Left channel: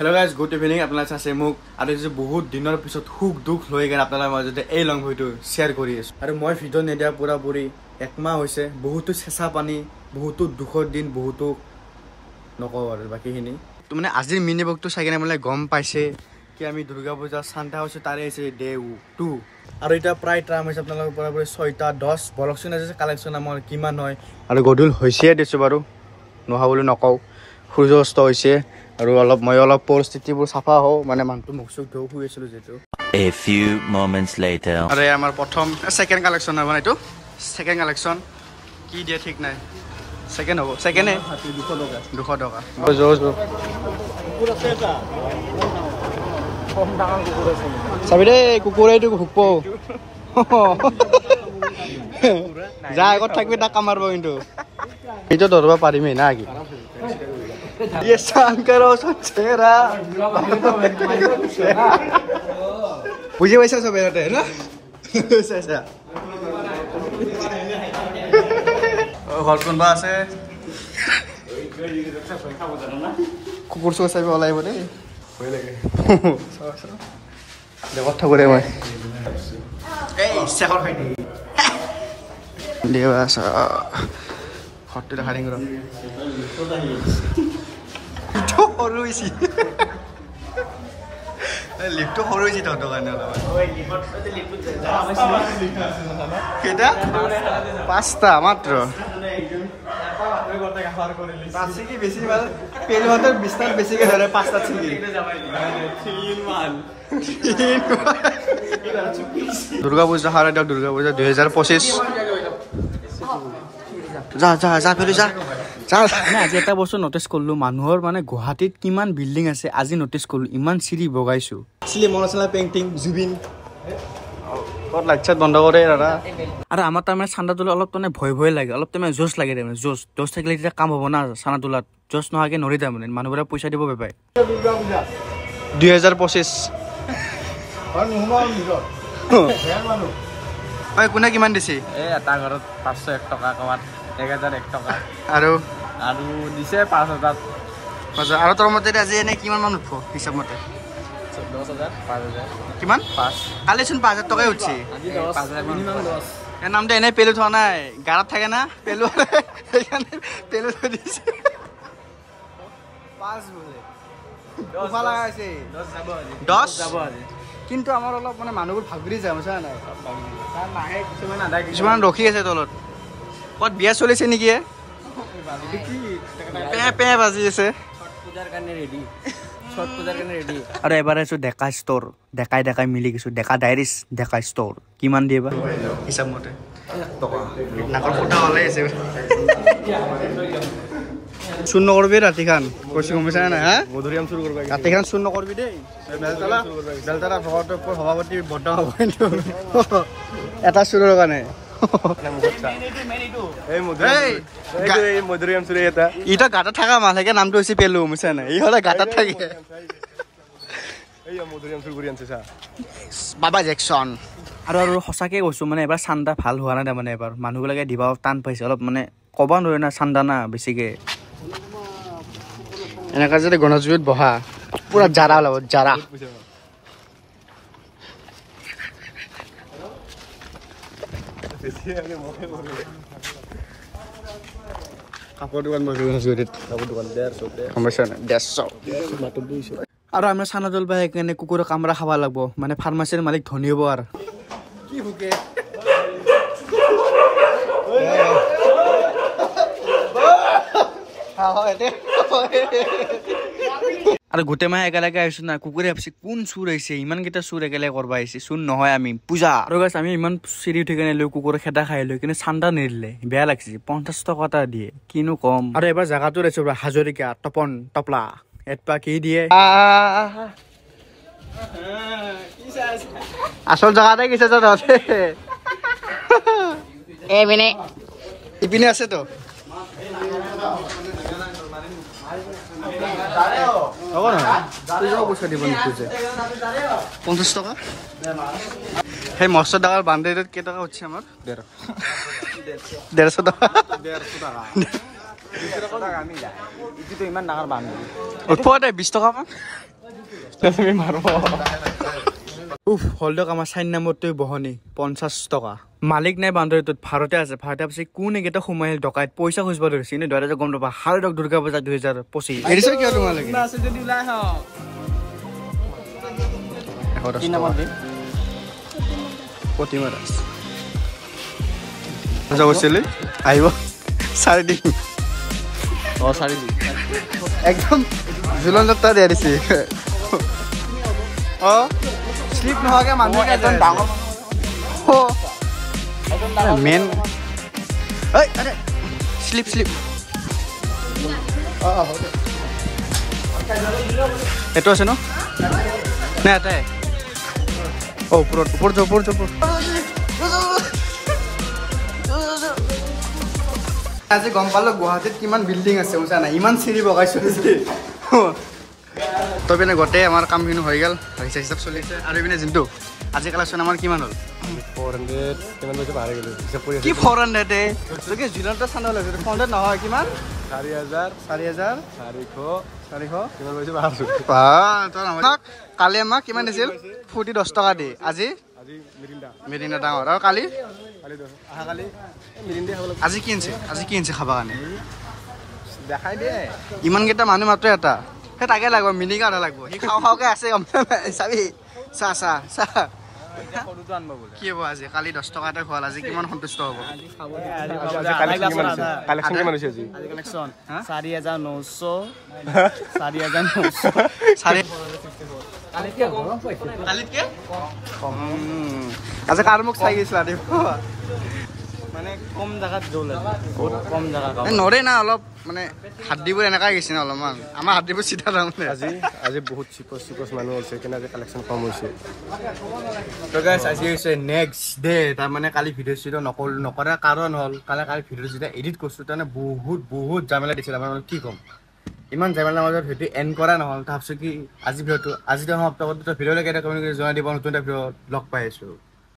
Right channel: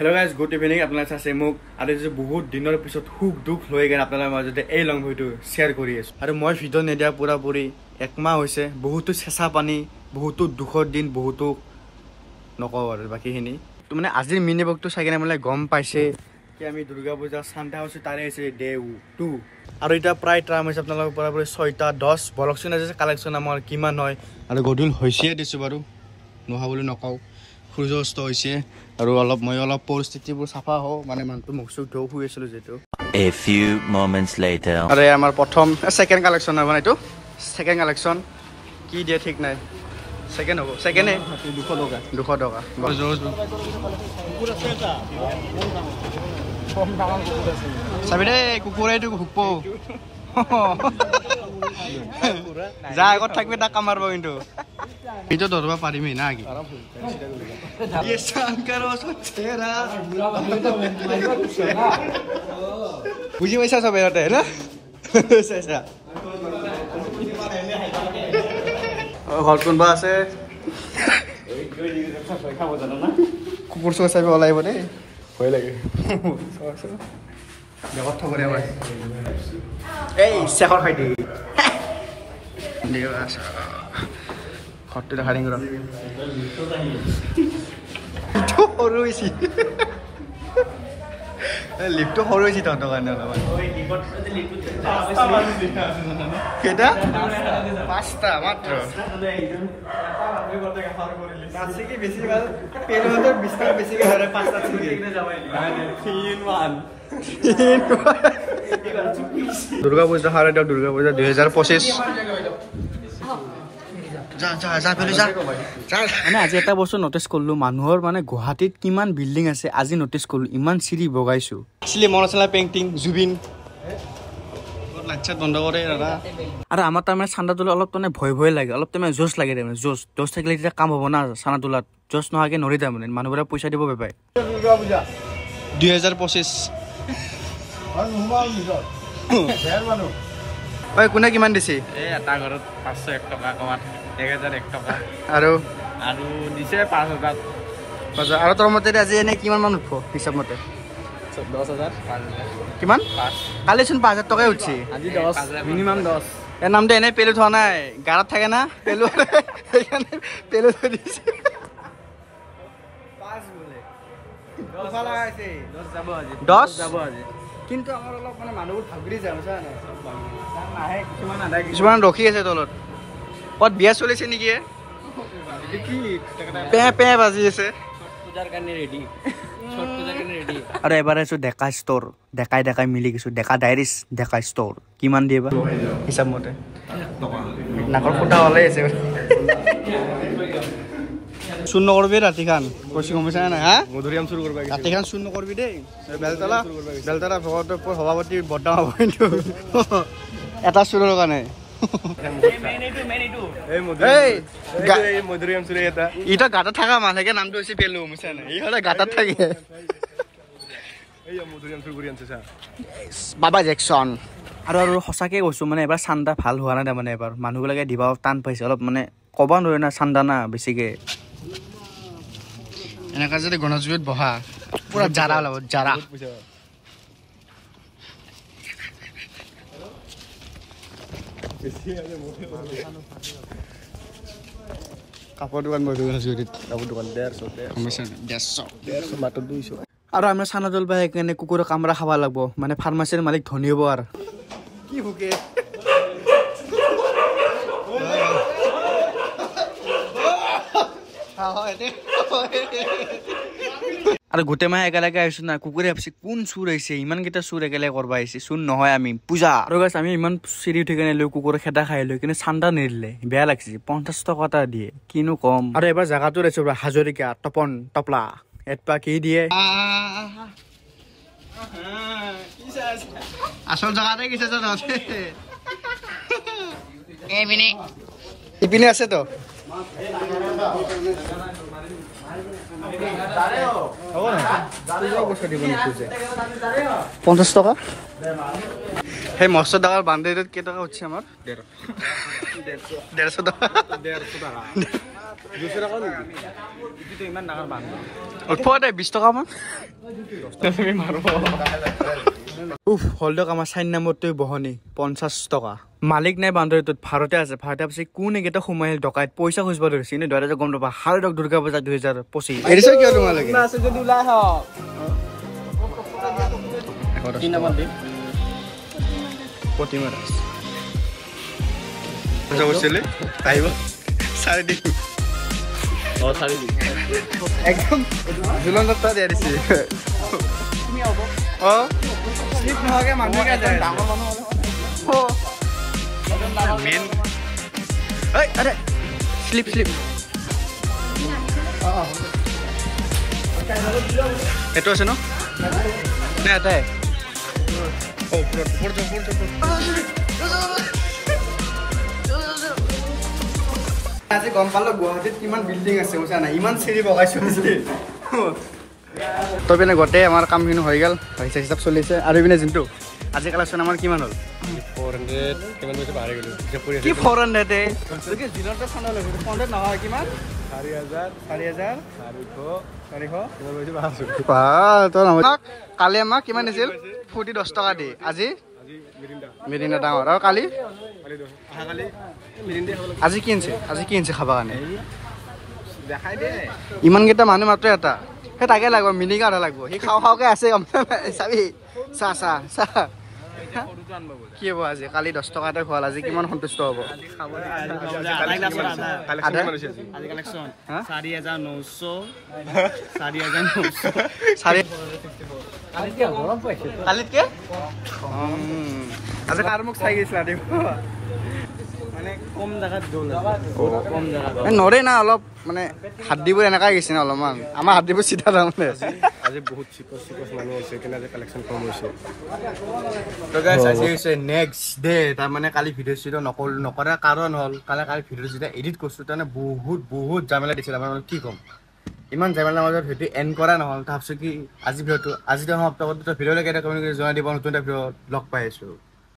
Hello guys, good evening. আপোনালোক আছে মোক আৰু যে বহুত দিনৰ পিছত খুব দুখ লৈ গেন আপোনালোকৰ মাজতে এই লং ভিডিও শেয়াৰ কৰি আছো আৰু মই ভিডিও নেদিয়া পুৰা একমাহ হৈছে বহুত চেঁচা পানী বহুত দুখৰ দিন বহুত নকও আৰু বাকিখিনি তো মানে আজিৰ মিনি বকটো চাই কেনে মানে গম পাইছে কি আমি দুৰ্গা পূজা শান্তা হৈছে তাৰে আছে ডে 2 আৰু এটা প্ৰায় ট্ৰাম হৈছে আপোনালোকৰ পুৰা 6টা 10 বলকচোন আছে কালেকচন আমাৰ কিমান হয় আৰু গডুল হৈছে দিছো বাৰু নহা বুলি নকও সূৰ্যস্ত হৈছে আৰু মই অলপ পৰিস্থিতিবোৰ সাফা হও মানে মানটো মুখসু ধৌ হৈ আছিল যেটো A few moments later আৰে আমাৰ প্ৰথম সেকেন্ড কালেকচন হয় মানে এটো সেকেন্ড কালেকচন কি দিয়ে ঠিক নাই সেকেন্ড হ'ব সেকেন্ডে 200 টকা জো কুকুৰ আছে এটা কম ডাঙৰ কুকুৰ আছে চাবিৰে কুকুৰ এইটো হুকপো যা আগত থাকবি তা কামাৰব কিন্তু এইটো ধৰবা পাৰিমে না কি ये शंकरो सचेरा बुझे वैसा सब होता है ना ऐसा हॉल कोन बा আছে কুকুৰ সো চাই ওলাই বনে ভয় লাগে দেখত থাকৰে মই এই শেখৰ খাই দি দেৱাস হটটো দেখাৰিং ৰ হৰুইছি লিফটো হৰুইছি তহঁতৰ কাৰণে অলপমান কেইটা 5টা মাত্ৰ দুৰ্গা পূজা হাৰে দুৰ্গা পূজা 2025 যা যা যা ফেলে যা যা মানে আজি এটা বস্তু নোটিস করলো মানুহৰ মানে গুৱাহাটীত কিমান বিল্ডিং আছে আজি নোটিস করলো ইমান সিঁড়ি বগাইছো আসলে মনচলা পেইন্টিং জুবিন কত লাগছে বন্ধ কৰে দাদা আৰু আমাৰ তাৰমানে চান্দা তোলা অলপ মানে ভয় লাগে অলপ তাৰমানে জোশ লাগে তাৰমানে জোশ থাকিলে তেতিয়া কাম হ'ব না চান্দা তোলাত জোশ নহাকে নৰি তাৰমানে মানুহবোৰে পইচা দিব পায় 2025 ঐ কোনে কিমান দিছি এই এটা ঘৰত 501 টকা কমাত 1001 টকা আৰু দিছে 5000 আৰু তোৰ মতে আজি এনে কিমান মান উঠব হিচাপ মতে 10000 5000 কিমান 5 কালি চোন 5000 টকাই উঠছি আজি 10 মিনিমাম 10 এর নামতে এনে পেলু থোৱা নাই গাৰত থাকে না পেলু এখানে পেলু থৈ দিছে 5 বলে উফা লাগা আছে 10 যাব আজি কিন্তু আমাৰ অলপ মানে মানুহবোৰ ভাগৰি যায় বুঝা নাই নাহে কিছুমান ৰখি আছে তলত কত বিয়া চলিছে নেকি পে বাজি আছে পূজাৰ কাৰণে ৰেডি ছট পূজাৰ কাৰণে ৰেডি আৰু এবাৰ আছো ডেকা ষ্টৰ দেখাই মিলি কিছু ডেকা ডাইৰিছ ডেকা ষ্টৰ কিমান দিবা হিচাপ মতে নাকৰ ফুটা হলে আছে শূন্য করবি রাতিখান কইছি কমিছা না হ্যাঁ মধুরিয়াম শুরু করবে রাতিখান শূন্য করবি দেই বেলতলা ভগত সভাপতি বদনাম হব কিন্তু এটা শুরুর কারণে মধুরিয়াম শুরু এটা ইটা গাটা থাকা মালকে নামটো হইছে পেলু বুঝছ না ই হলে গাটাত থাকে এই মধুরিয়াম শুরু কৰি আনছে বাবা জ্যাকসন আৰু সঁচাকে কৈছো মানে এবাৰ চান্দা ভাল হোৱা নাই মানে এবাৰ মানুহবিলাকে দিবা টান পাইছে অলপ মানে কবা নৰে না চান্দা না বেছিকে এনেকা যদি গণজুইত বহা পুৰা জাৰা ওলাব জাৰা কাপোৰ দোকান মই গণজুইত কাপোৰ দোকান 150 সমস্যা নাই 150 মাত্ৰ 200 আৰু আমৰা চানা জল বাই কেনে কুকুৰৰ কামৰা খাবা লাগব মানে ফাৰ্মাসীৰ মালিক ধনী হ'ব আৰু কি ভুকে আৰু গোটেই মাহে একেলগে আহিছো না কুকুৰে ভাবছি কোন চুৰ আহিছে ইমান কেইটা চুৰ একেলগে কৰবা আহিছে চুৰ নহয় আমি পূজা আৰু গাইছ আমি ইমান চিৰি উঠি কেনে লৈ কুকুৰে খেদা খাই লৈ কিন্তু চান্দা নিদিলে বেয়া লাগছে 50 টকা এটা দিয়ে কিনো কম আৰু এবাৰ জাগাটো আহিছো হাজৰিকা তপন টপলা এটপা কি দিয়ে আসল জাগাতে গেছে তো ইপিনে আছে তো 50 টাকা সেই মস্ত টাকার বান্ধে কে টাকা হচ্ছে আমার 150 টাকা ইমান ডাঙৰ বান্ধ উঠোৱা দে 20 টকা মান উফ হলদক আমাৰ 4 নম্বৰটোই বহনি 50 টকা মালিক নাই বান্দৰটোত ভাৰতে আছে ভাৰতে আছে কোন একেটা সময় ডকাইত পইচা খুজিব ধৰিছে নে ধৰা গম নাপা হালদক দুৰ্গা পূজা 2025 এৰিছে কিয় তোমালোকে আছে যদি ওলাই হ 110 টকা প্ৰতিমা দাস যাবছিলে আহিব চাৰি দিন একদম জুলনটা দিয়া দিছে স্লিপ নোহোৱাকে মানুহ ডাঙৰ মেন আৰে স্লিপ এইটো আছে ন নাই এটাই ওপৰত আজি গম পালো গুৱাহাটীত কিমান বিল্ডিং আছে বুজা নাই ইমান চিৰি বগাইছে তো পিনে গোটেই আমাৰ কামখিনি হৈ গ'ল হিচাপ হিচাপ চলিছে আৰু পিনে যোনটো আজি কালেকশ্যন আমাৰ কিমান হ'ল 400 কিমান পইচা পাহৰি গ'লো কি 400 এ কি জুলনটা চানা লাগে 400 নহয় কিমান 4000 কালি আমাক কিমান দিছিল ফুটি 10 টকা দি আজি মিৰিণ্ডা ডাঙৰ আৰু কালি আজি কিনছে খাবা কাৰণে দেখাই দে ইমান কেইটা মানুহ মাত্ৰ এটা সেই তাকে লাগিব মিনি কাঢ়া লাগিব সি খাওঁকে আছে চাবি চাহ কি হ'ব আজি কালি 10 টকাতে খোৱাল আজি কিমান সন্তুষ্ট হ'ব আজি কাৰ মোক চাই গৈছিলা দেই মানে কম জাগাত জল কম জাগাত নৰে না অলপ মানে হাত দিব এনেকা গৈছে না অলপমান আমাৰ হাত দিব চিধা তাৰমানে আজি বহুত চিপছ মানুহ আহিছে কিন্তু আজি কালেকশ্যন কম হৈছে তো গাইস আজি হৈছে নেক্সট ডে তাৰমানে কালি ভিডিঅ' চিডিঅ' নকৰা কাৰণ হ'ল কালি ভিডিঅ' যেতিয়া এডিট কৰিছোঁ তাৰমানে বহুত জামেলা দিছিল আমাৰ কি ক'ম ইমান জামেলাৰ মাজত ভিডিঅ' এণ্ড কৰা নহ'ল তাৰপিছত কি আজি ভিডিঅ'টো সমাপ্ত কৰোঁ ভিডিঅ'লৈকে এটা কমেণ্ট কৰি জনাই দিব নতুন এটা ভিডিঅ' লগ পাই আছোঁ